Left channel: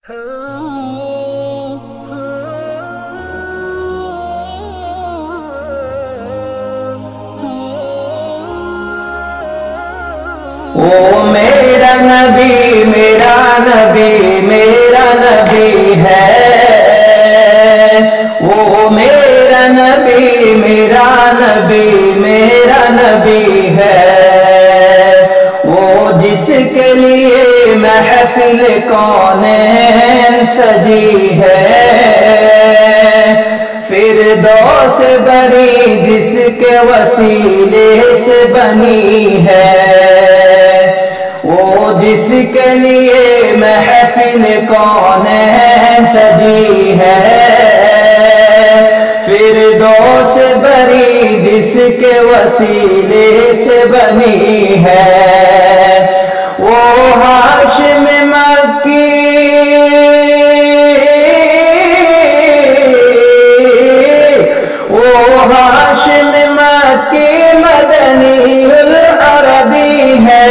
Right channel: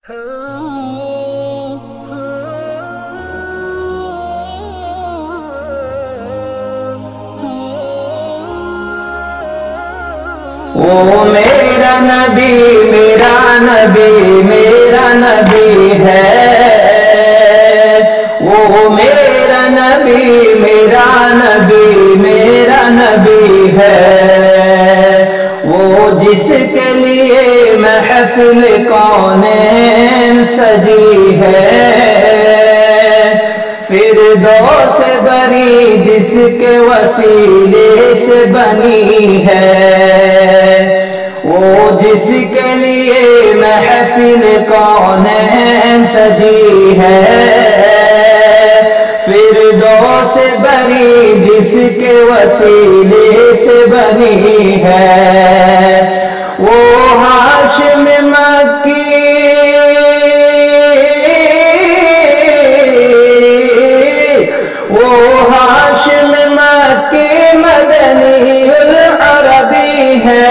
وہ میرا نبی میرا نبی میرا نبی ہے، وہ میرا نبی میرا نبی میرا نبی ہے، وہ جس کے لیے محفل کونین سجی ہے، فردوس بری جس کے وسیلے سے بنی ہے، وہ جس کے لیے محفل کونین سجی ہے، فردوس بری جس کے وسیلے سے بنی ہے، وہ ہاشم مکی ہاشم مکی مدنی العربی ہے،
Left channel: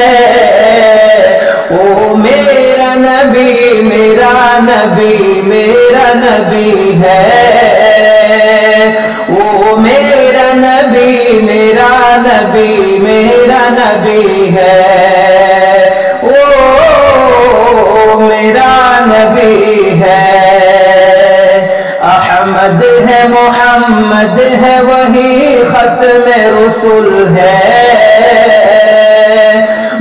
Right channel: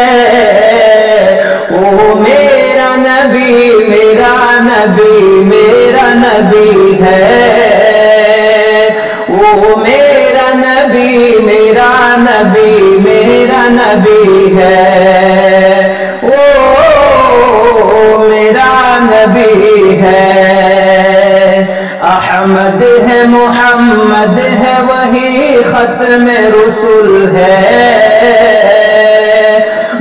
وہ میرا نبی میرا نبی میرا نبی ہے، وہ میرا نبی میرا نبی میرا نبی ہے، وہ میرا نبی ہے، احمد ہے محمد ہے وہی ختم رسول ہے،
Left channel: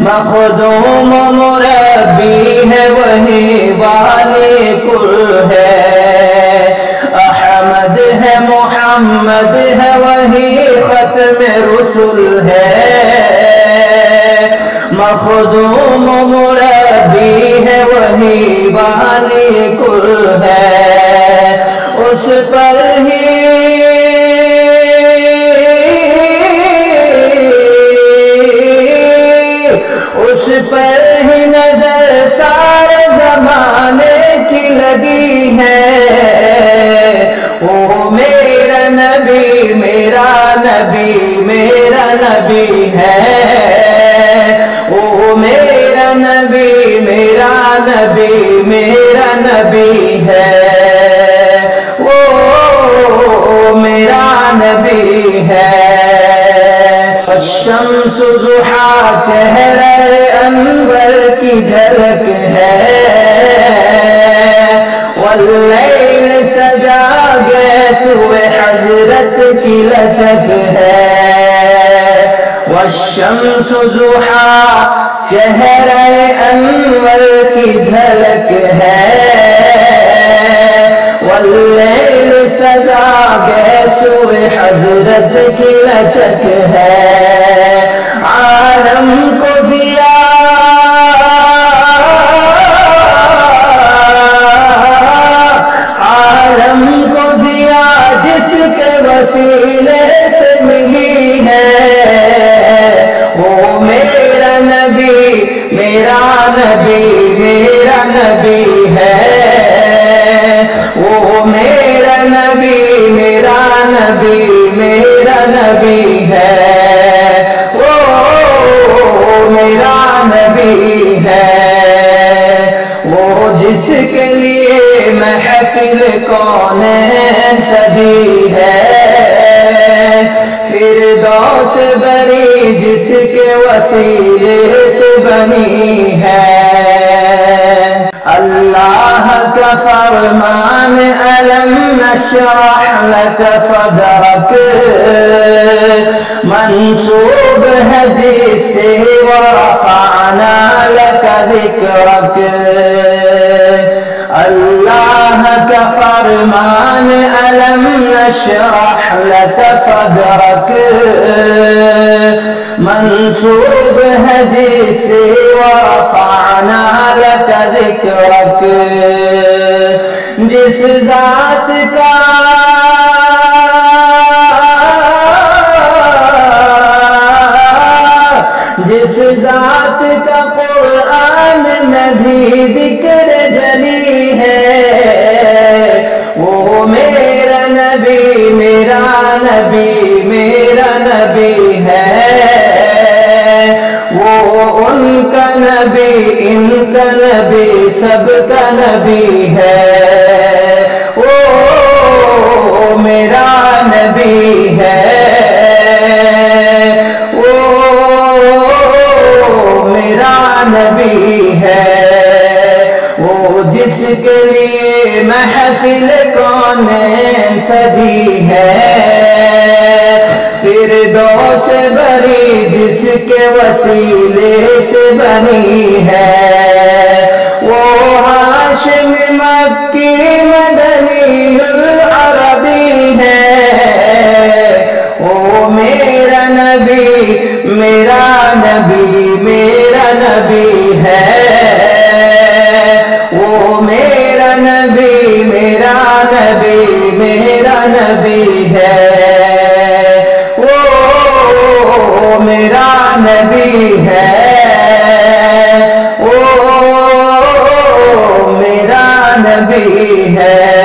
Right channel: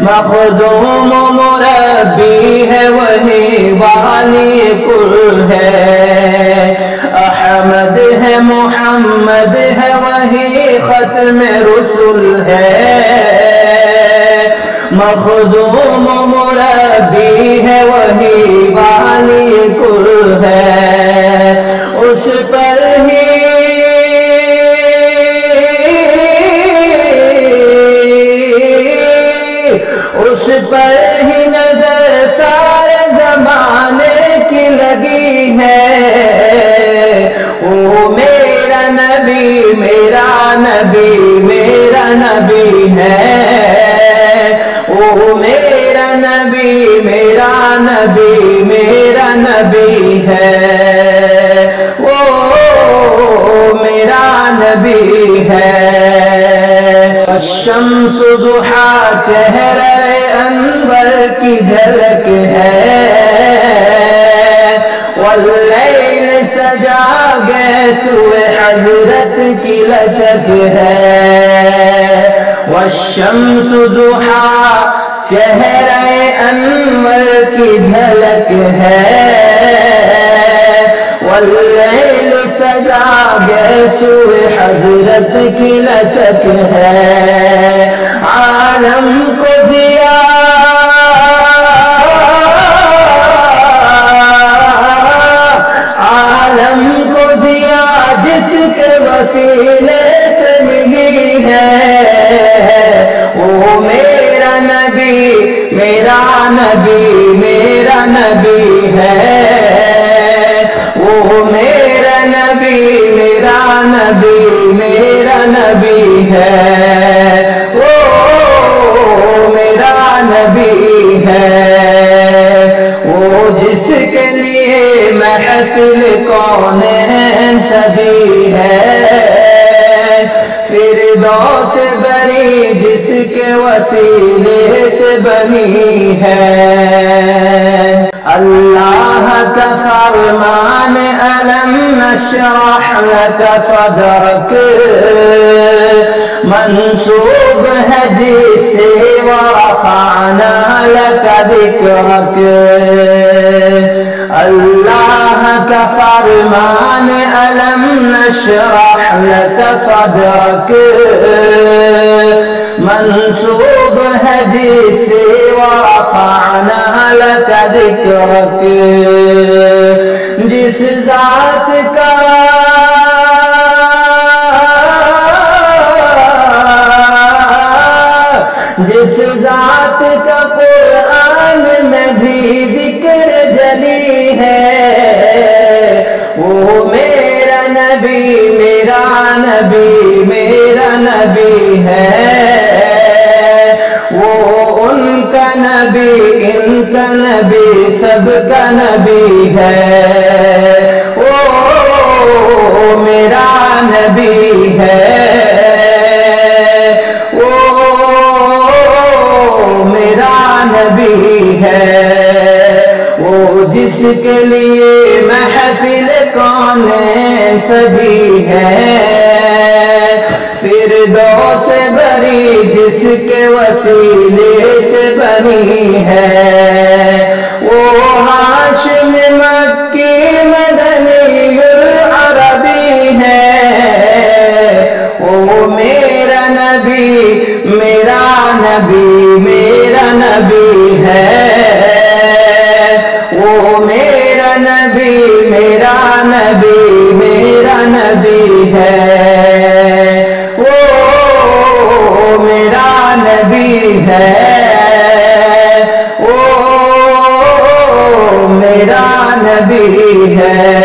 مخدوم و مربی ہے وہی والی کل ہے، احمد ہے محمد ہے وہی ختم رسول ہے، مخدوم و مربی ہے وہی والی کل ہے، اس پر ہی نظر سارے زمانے کی لگی ہے، وہ میرا نبی میرا نبی میرا نبی ہے، وہ میرا نبی میرا نبی میرا نبی ہے، وہ میرا نبی ہے، الشمس ضحا چہرہ انور کی جھلک ہے، واللیل سجا گیسوئے حضرت کی لچک ہے، والشمس ضحا چہرہ انور کی جھلک ہے، واللیل سجا گیسوئے حضرت کی لچک ہے، عالم کو ضیا عالم کو ضیا جس کے وسیلے سے ملی ہے، وہ میرا نبی میرا نبی میرا نبی ہے، وہ میرا نبی میرا نبی میرا نبی ہے، وہ میرا نبی ہے، وہ جس کے لیے محفل کونین سجی ہے، فردوس بری جس کے وسیلے سے بنی ہے، اللہ کا فرمان الم نشرح لك صدرك منسوب ہے جس سے ورفعنا لك ذکرک، اللہ کا فرمان الم نشرح لك صدرك منسوب ہے جس سے ورفعنا لك ذکرک، جس ذات کا قرآن میں بھی ذکر جلی ہے، وہ میرا نبی میرا نبی میرا نبی ہے، وہ ان کا نبی ان کا نبی سب کا نبی ہے، وہ میرا نبی ہے، وہ میرا نبی ہے، وہ جس کے لیے محفل کونین سجی ہے، فردوس بری جس کے وسیلے سے بنی ہے، وہ ہاشم مکی مدنی العربی ہے، وہ میرا نبی میرا نبی میرا نبی ہے، وہ میرا نبی میرا نبی میرا نبی ہے، وہ میرا نبی ہے، وہ میرا نبی ہے۔